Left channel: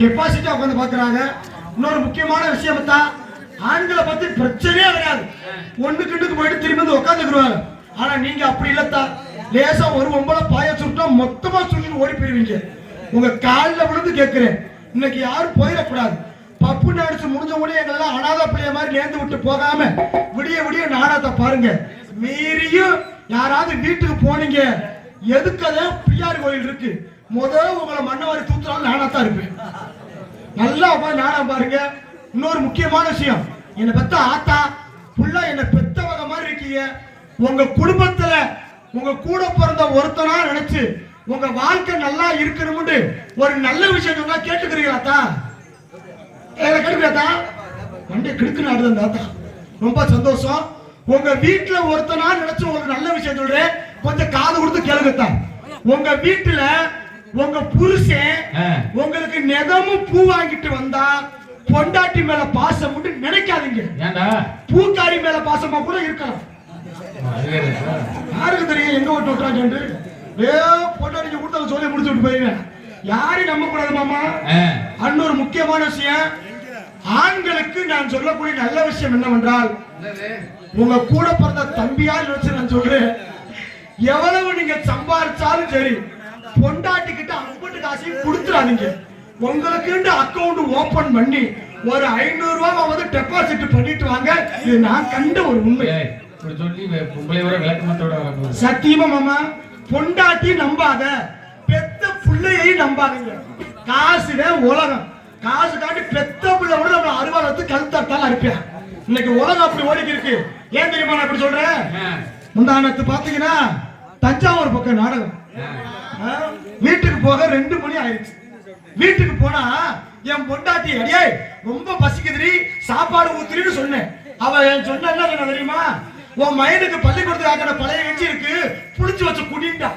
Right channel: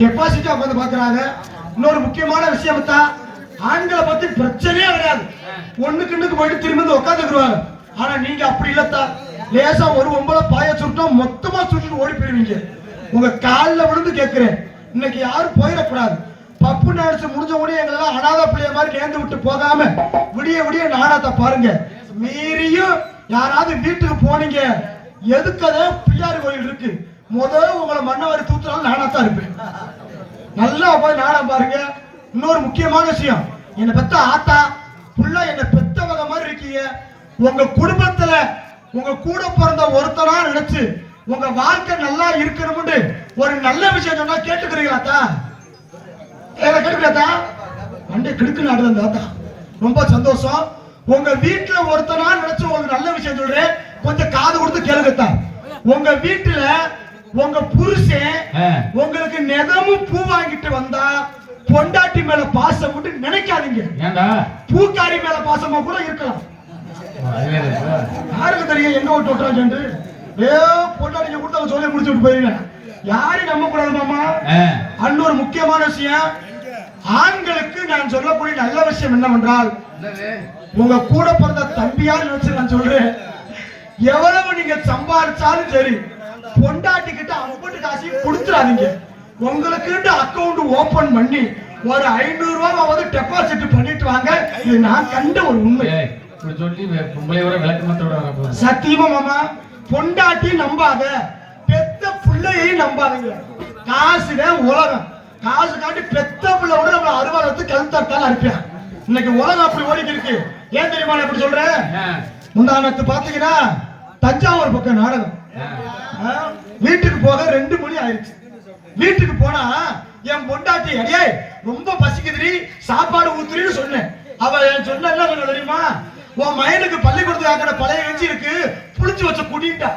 கெப்பாசிட்டியா உட்காந்து பாக்குறாங்க இன்னொரு முக்கியமான விஷயம் தான் ஆண்களை பத்தி பிரச்சனையே கிடையாது. ஒண்ணுக்கு இன்னுக்கு போயிட்டு திரும்பி வந்து உட்காந்துக்குருவாங்க ஆனா நீங்க அப்படி இல்லத்தா. லேசா ஒரு ஒன்பது பாய சுட்டோம் மொத்தமா சுட்டு ஓடி போயிருவீங்க. உங்க காலில் விழுந்து கேட்கிறேன் இன்னைக்கு யாரும் போயிடக்கூடாது. பப்பு நினைச்சு முடிஞ்ச உடனே எங்களெல்லாம் அனாத பிள்ளைய மாதிரி நேர்ந்து விட்டு போகாம விடிய விடிய நாடகத்தை பாருங்க. மீறியும் யாராவது வீட்டுக்கு போனீங்க. எதுக்கதான் பிள்ளையார் கோயில் இருக்கு? முதல்ல உங்களை மண்ணவாரி தூத்துறாலும் நானாத்தான் இருப்பேன். நல்லா போய் நாடகம் பாருங்க. இன்னொரு முக்கியமான விஷயம். என்னை பெத்த ஆத்தா புள்ள என்னை பெத்தவங்க மாதிரி இருக்கீங்க. உங்க குடும்பத்துல உங்க கூட பிறந்த ஒருத்தனா நினைச்சு உங்க வாழ்க்கை நல்லா இருக்கணும்னு ஒரு நல்ல விஷயம் நல்லா கேட்டுக்கிறீங்களாத்தா ஏதா கேட்கிறாத்தா வண்டி கிடுக்கு நாடுதான் தாத்தா ரொம்ப சந்தோஷம். உங்க வீட்டுல ஒருத்தனா நினைச்சு உங்களுக்கு நல்ல விஷயம் சொல்றேன். கொஞ்சம் காது கொடுத்து கேளுங்கத்தா உங்க வீட்டுல உங்க புருஷன். உங்களுக்கு நெகமும் பூ வாங்கிட்டு வந்தா பொண்டாட்டி மேல பாசம் விட்டு நினைக்காதீங்க. பூக்காரி மேல பாசமா கூட இருக்கலாம்? யாருக்கு தெரியும் எங்க விட்டு விட்டுறாங்க ஏ பொண்டாட்டிங்க கொடுத்து சொல்லி முடிச்சு விட்டு போயிருவேன் யாரையும் நம்ப கூடாது மாமா. ஆ. இன்னொரு முக்கியமான விஷயம். ஆண்களுக்கு நான் சொல்லக்கூடிய நல்ல விஷயம் என்னவென்றால் உங்க கூட பிறந்த தம்பியா நினைச்சு நான் சொல்றேன். எவ்வளவு நீங்க சம்பாதிச்சாலும் சரி பொண்டாட்டி கிட்ட அம்பட்டு காசையும் கொடுத்துறாதீங்க. உங்களுக்கு அக்கவுண்ட் ஓபன் பண்ணி ஒரு ஐநூறு ரூபாய் வந்து டெபாசிட் பண்ணிட்டு வாங்க. இது நான் கண்ட ஒரு உண்மை. சொல்லி வே- பொம்பளை வர விளக்கமத்தோட வர போகுது சத்தியமா மாமா பொண்டாட்டி நம்பாத பெத்த பிள்ளையையும் நம்பாதீங்க. காசுவே உலகம். காசு காட்டி பெத்த பிள்ளை விட நம்ம அறுவாலத்து கழுத்தாட்டால இருப்பேன் இன்னைக்கு உலகம் அப்படி ஓடிக்கு இருக்கு. ஏன் தெரியுமா நான் அப்படி சொல்றேன். முந்தானத்து பாத்தீங்கன்னா தஞ்சாவூர் பக்கம் நாடகம். வீட்டுக்கு போக ரெண்டு மணி ஆயிடுச்சு. வீட்டுக்கு போனா என் பொண்டாட்டி அடியே ரொம்ப பசிக்குதுடி சாப்பாடு ஊத்துறின்னு சொன்னேன். அவ என் சொன்ன என்ன சொன்ன தெரியுமா? உன் மயனுக்கு பள்ளிக்கூடத்துக்கு ஆக்கிற பழைய கஞ்சி இருக்கு புளிச்சு வச்ச குடிட்டா.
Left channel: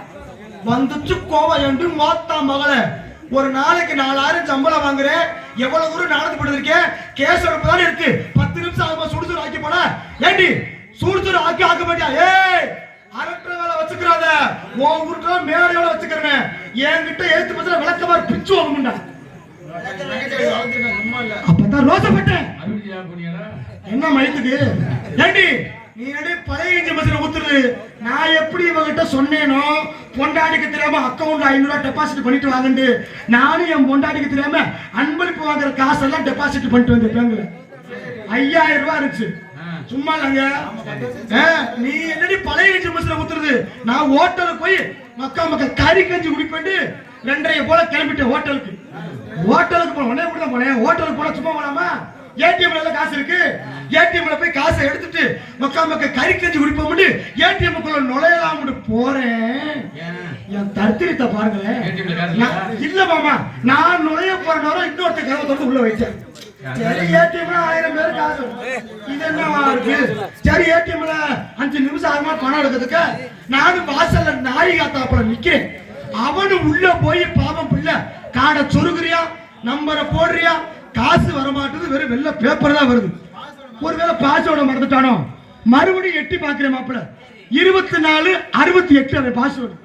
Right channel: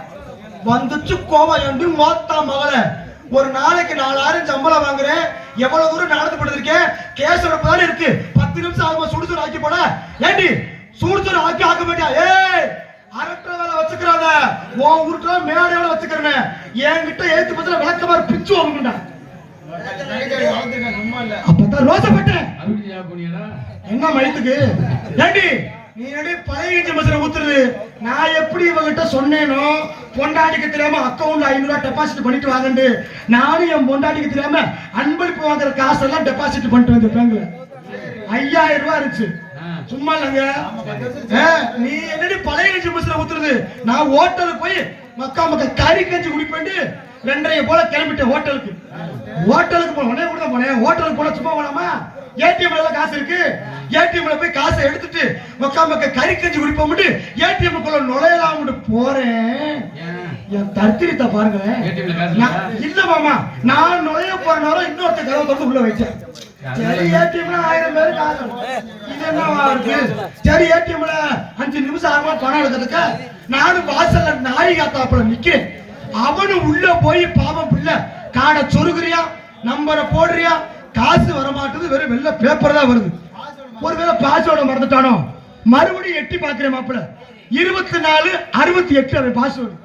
வந்துச்சு கோவம் என்று மோத்தா மகள? ஒரு நாளைக்கு நாலாயிரம் சம்பளம் வாங்குறேன். எவ்வளவு தூரம் நடந்து போயிருக்கேன் கேசர தான் இருக்கு. பத்து நிமிஷம் ஆகும்போது சுடுசுடு ஆக்கி போனா ஏண்டி சுடுசுடு ஆக்கி ஆக்க மாட்டியா? ஏய்! அரட்டுற வச்சுக்கிறாத உன் வீட்டுல மேடையோட வச்சுக்கிறேன். என்கிட்ட ஏத்து பத்தில மாதிரி பிச்சு வாங்குண்டா அப்பதான் ரோசப்பட்டேன். என்ன மயத்துக்கு? ஏண்டி நீ என்னடி பழைய இஞ்சி ஊத்துறது? நான் எப்படி இவங்கிட்ட சொன்னேனோ பொண்டாட்டிக்கு தெரியாம அக்கௌண்ட்ல ஐநூறு டெபாசிட் பண்ணிட்டு வாங்கண்டு நானும் என் பொண்டாட்டிக்கு தெரியாம அன்பளிப்பு வாங்குற காசெல்லாம் டெபாசிட் பண்ணிட்டு வந்தேன் பேங்க்ல. ஐயாயிரம் ரூபாய் இருந்துச்சு. சும்மா இல்லைங்க நீ என்னடி பழைய கஞ்சி மசுல ஊத்துறது நான் ஹோட்டலுக்கு போய் மக்கா மக்கா கறி கஞ்சி குடிப்பேன் ரெண்டரை போல கிளம்பிட்டேன் ஹோட்டலுக்கு. ஹோட்டலுக்கு போன உடனே கூட போனேன் ஹோட்டலுக்கு போனா சும்மா போனாமா ஏடிஎம்ல எல்லாம் காசு இருக்கு. ஏடிஎம்ல போய் காசை எடுத்துட்டு மக்கா மக்கா கறி கஞ்சி குடிப்போம் ஏடிஎம் குள்ள நுழையலாம்னு போறேன்? என் தத்திரத்தை பாருங்களேன். இல்ல மாமா நான் நுழைய போற நேரம் இன்னொருத்த கதவை உள்ள வச்சேன். சரி ஏடிஎம்ல ஆயிரம் பேர் காசு இது என்னவா இருக்கு? சரி ஏடிஎம்ல அஞ்சு நிமிஷம் ஆகுமா பணம் எடுக்கிறதுக்கு? நானும் வாசல்ல நாய் காத்தாப்புல நிக்கிறேன். அவனு உள்ள போய் பாவம் பிள்ளை காடை சொருகிறியா நம்பரை போடுறியா? காசு வர மாட்டுது வெறும் வெள்ள பேப்பர் தான் வருது. ஒருவேளை பாஸ்வேர்டை மறந்துட்டானோ? மறுபடியும் எட்டி பாக்குறேன் மாப்பிள்ள. இருபத்தி நாலு அறுபத்தி எட்டு அந்த பாஸ்வேர்டு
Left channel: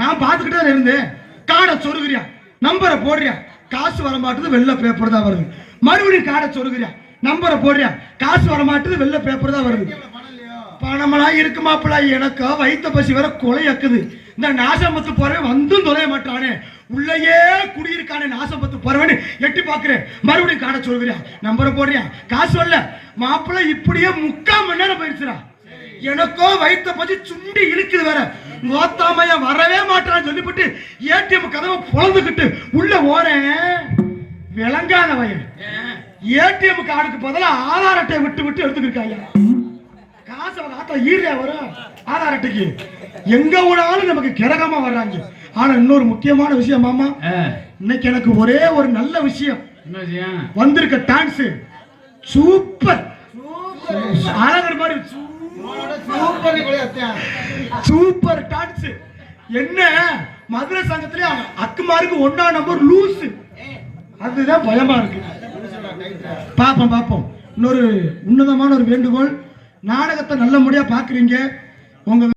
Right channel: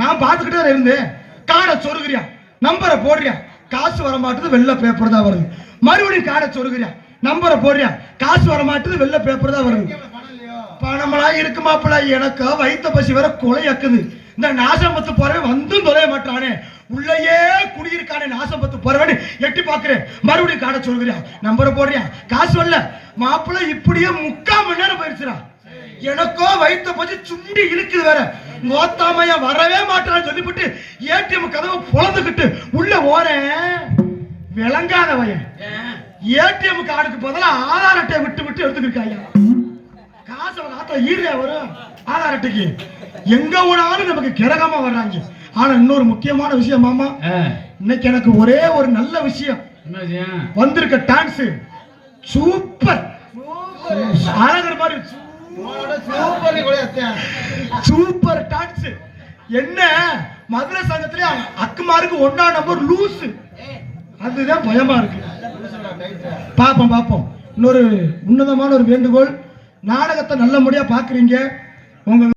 நான் பார்த்துக்கிட்டே இருந்தேன். காடை சொருகிறியா நம்பரை போடுறியா? காசு வர வெள்ள பேப்பர் தான் வருது. மறுபடியும் காடை சொருகிறியா நம்பரை போடுறியா காசு வர மாட்டுது வெள்ளை பேப்பர் தான் வருது. பணமெல்லாம் இருக்கு மாப்பிள்ள. எனக்கு வைத்த பசி வர கொலையாக்குது இந்த நாசம்பத்து போறவன் வந்தும் தொலைய மாட்டானே. உள்ளேயே குடியிருக்கானே நாசம்பத்து போறவன் எட்டி பாக்குறேன் மறுபடியும் காடை சொல்கிறியா நம்பரை போடுறியா காசு வரல. மாப்பிள்ள இப்படியே முக்கால் மணி நேரம் போயிருச்சுடா. எனக்கோ வைத்த பசி சுண்டி இருக்குது வேற. மோத்தாமைய வரவே மாட்டான்னு சொல்லிவிட்டு ஏடிஎம் கதவை பொழந்துக்கிட்டு உள்ள ஓரேன். விளங்காத வயன் ஏடிஎம் கார்டுக்கு பதிலா ஆதார் அட்டை விட்டு விட்டு எடுத்துக்கிட்டாங்க காசு ஆட்டோ ஈரியா வரும் ஆதார் அட்டைக்கு. எங்க விடாலும் நமக்கு கிரகமா வர்றாங்க. ஆனா இன்னொரு முக்கியமான விஷயம் மாமா. இன்னைக்கு எனக்கு ஒரே ஒரு நல்ல விஷயம்? வந்திருக்க டான்ஸ் சூப்பர். அழகர் மாதிரி சூப்பர் டான்ஸ் என்ன? மதுரை சங்கத்துல அக்குமாருக்கு ஒன்னா நம்பர் லூஸ் அதுதான் பயமா இருக்கு. பாப்போம் பாப்போம். இன்னொரு உன்னதமான ஒரு வேண்டுகோள். நாடகத்தை நல்ல முறையா பாக்குறீங்க உங்க